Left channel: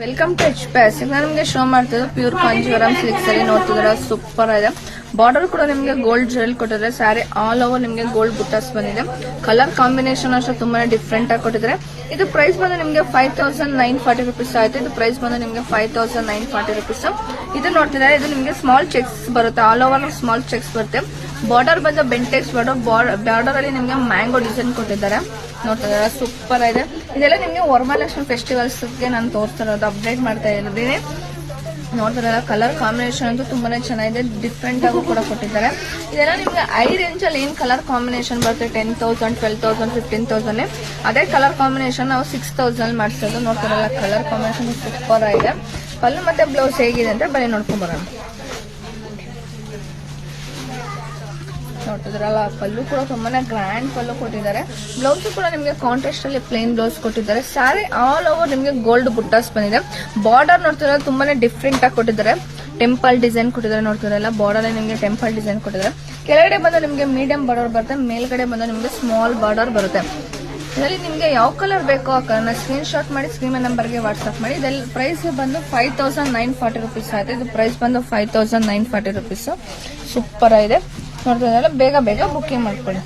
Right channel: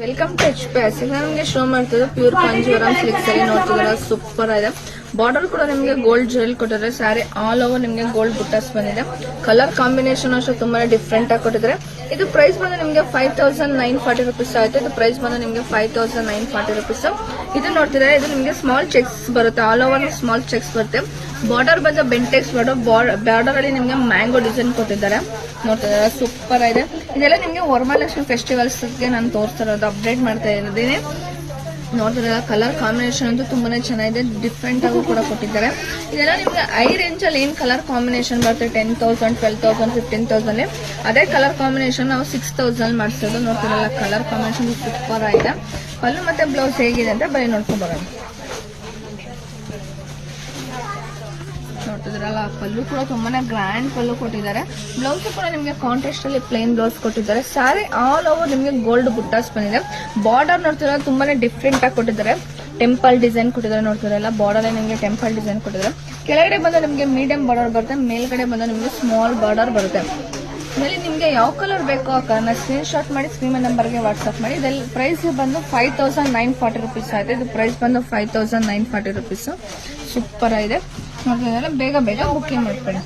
Welcome to H ಪ್ಯಾಸ್. ಈಗ ನಿಮಗೆ ಶೋ ಮಾಡ್ತಿದ್ದು ಪ್ಯೂರ್ ಕಾಂಜೀವರಂ ಸಿಲ್ಕ್ ಸ್ಯಾರಿ ನೋಡ್ತಿದ್ರೆ ಸೂಪರ್ ಆಗಿದೆ. ಬಾರ್ಡರ್ ಕೂಡ ನಿಮಗೆ ಗೋಲ್ಡ್ ಜುವೆಲ್ ಕೊಟ್ಟಿದ್ರೆ ಸ್ಯಾರಿ ಆಲ್ ಓವರ್ ನಿಮಗೆ ಗೋಲ್ಡ್ ಬುಟ್ಟಾಸ್ ಬಂದಿದೆ. ಕಲರ್ ಕಾಂಬಿನೇಷನ್ ಅಷ್ಟೇ ತುಂಬಾನೇ ಡಿಫ್ರೆಂಟ್ ಆಗಿ ಕೊಟ್ಟಿದ್ರೆ. ಇದು ಪ್ರೈಸ್ ಬಂದು ನಿಮಗೆ 5940 rupees ಆಯ್ತು. ಇದು ಪ್ರೈಸ್ ಬಂದು ನಿಮಗೆ 5940 rupees. ಇದು ನೋಡ್ತಿದ್ರೆ ಇದು ನಿಮಗೆ ಸ್ಮಾಲ್ ಚೆಕ್ಸ್ ಬರುತ್ತೆ, ಆಲ್ ಓವರ್ ಸ್ಮಾಲ್ ಚೆಕ್ಸ್ ಬರುತ್ತೆ. ಬಾರ್ಡರ್ ಬಂದು ಬೆಂಟೆಕ್ಸ್ ಬಾರ್ಡರ್ ಅಲ್ಲಿ ನಿಮಗೆ ಮ್ಯಾಂಗೋ ಡಿಸೈನ್ ಕೊಟ್ಟಿದ್ದಾರೆ. ನೋಡ್ತಿದ್ದಾರೆ ಸೂಪರ್ ಇದೆ. ಇದೆಲ್ಲ ನಿಮಗೆ ವರಮಹಾಲಕ್ಷ್ಮಿ ಫೆಸ್ಟಿವಲ್ಸ್ ಗೆ ನಾನು ತೋರಿಸ್ತಿರೋದು, ಅಪ್ಡೇಟ್ ಮಾಡ್ತಾ ಇರೋದೇನೆ. ನೋಡ್ತಿರಲ್ಲ ಕಲರ್ ಕಾಂಬಿನೇಷನ್ ಅಂತೂ ತುಂಬಾನೇ ಚೆನ್ನಾಗಿದೆ, ಡಿಫ್ರೆಂಟ್ ಆಗೂ ಕೂಡ ಕೊಟ್ಟಿದ್ದಾರೆ. ಇದೆಲ್ಲ ನಿಮಗೆ ಐ ರೇಂಜ್ ಅಲ್ಲಿ ಏನ್ ಕಲರ್ ಕಾಂಬಿನೇಷನ್ ಬರುತ್ತೆ 10,000, 12,000, 15,000 ಅದೇ ಕಲರ್ ಕಾಂಬಿನೇಷನ್ ನಾವು 6,000 ಮಾಡಿಸೋದು. ನೋಡ್ತಿರಲ್ಲ ಕಲರ್ ಕಾಂಬಿನೇಷನ್ ಸೂಪರ್ ಆಗಿದೆ. ಪಲ್ಲು ಮತ್ತೆ ಬ್ಲೌಸ್ ಹೇಗಿದೆ ಅಂತ ಬರೀ ನೋಡ್ಕೊಂಡು ಬರೋಣ. ನೋಡ್ತಿದ್ರಲ್ಲ ಪಲ್ಲು ಕೂಡ ತುಂಬಾನೇ ಗ್ರ್ಯಾಂಡ್ ಪಲ್ಲು ಕೊಟ್ಟಿದ್ದಾರೆ. ಬ್ಲೌಸ್ ಕೂಡ ನಿಮಗೆ ಕಾಂಟ್ರಾಸ್ಟ್ ಅಲ್ಲಿ ಪ್ಲೇನ್ ಬ್ಲೌಸ್ ಕೊಟ್ಟಿದ್ದಾರೆ. ಸ್ಯಾರಿ ಆಲ್ ಓವರ್ ನಿಮಗೆ ಗೋಲ್ಡ್ ಬುಟ್ಟಾಸ್ ಬಂದಿದೆ. ಬಾರ್ಡರ್ ನೋಡ್ತಿದ್ರೆ ತುಂಬಾನೇ ಡಿಫ್ರೆಂಟ್ ಆಗಿ ಕೊಟ್ಟಿದ್ದಾರೆ. ಟೆಂಪಲ್ ಡಿಸೈನ್ ಕೊಟ್ಟಿದ್ದಾರೆ. ನೋಡ್ತಿರಲ್ಲ ಬಾರ್ಡರ್ ನಿಮಗೆ ಟೆಂಪಲ್ ಡಿಸೈನ್ ಕೊಟ್ಟಿದ್ದಾರೆ. ಕೆಳಗಡೆ ಬಂದ ನಿಮಗೆ ಮೀಡಿಯಂ ಬಾರ್ಡರ್ ಬರುತ್ತೆ, ಮೇಲ್ಗಡೆ ಬಂದ ನಿಮಗೆ ಸ್ಮಾಲ್ ಬಾರ್ಡರ್ ಬರುತ್ತೆ. ಇದರಲ್ಲಿ ನಿಮಗೆ ಯಾವ ಕಲರ್ ಬೇಕೋ ಆ ಕಲರ್ನ ಸ್ಕ್ರೀನ್ ಶಾಟ್ ಮಾಡಿ ಸ್ಕ್ರೀನ್ ನಂಬರ್ಗೆ ವಾಟ್ಸ್ಆಪ್ ಮಾಡಿ. ಇದರಲ್ಲಿ ಪ್ರೈಸ್ ಬಂದು 5940 rupees ಆಯ್ತು. ಇದು ಪ್ರೈಸ್ ಬಂದು 5940 rupees. ಸೂಪರ್ ಆಗಿದೆ. ನೋಡ್ತಿದ್ರಲ್ಲ ಬೇಗ ಬುಕ್ಕಿಂಗ್ ಮಾಡ್ಕೊಳ್ಳಿ.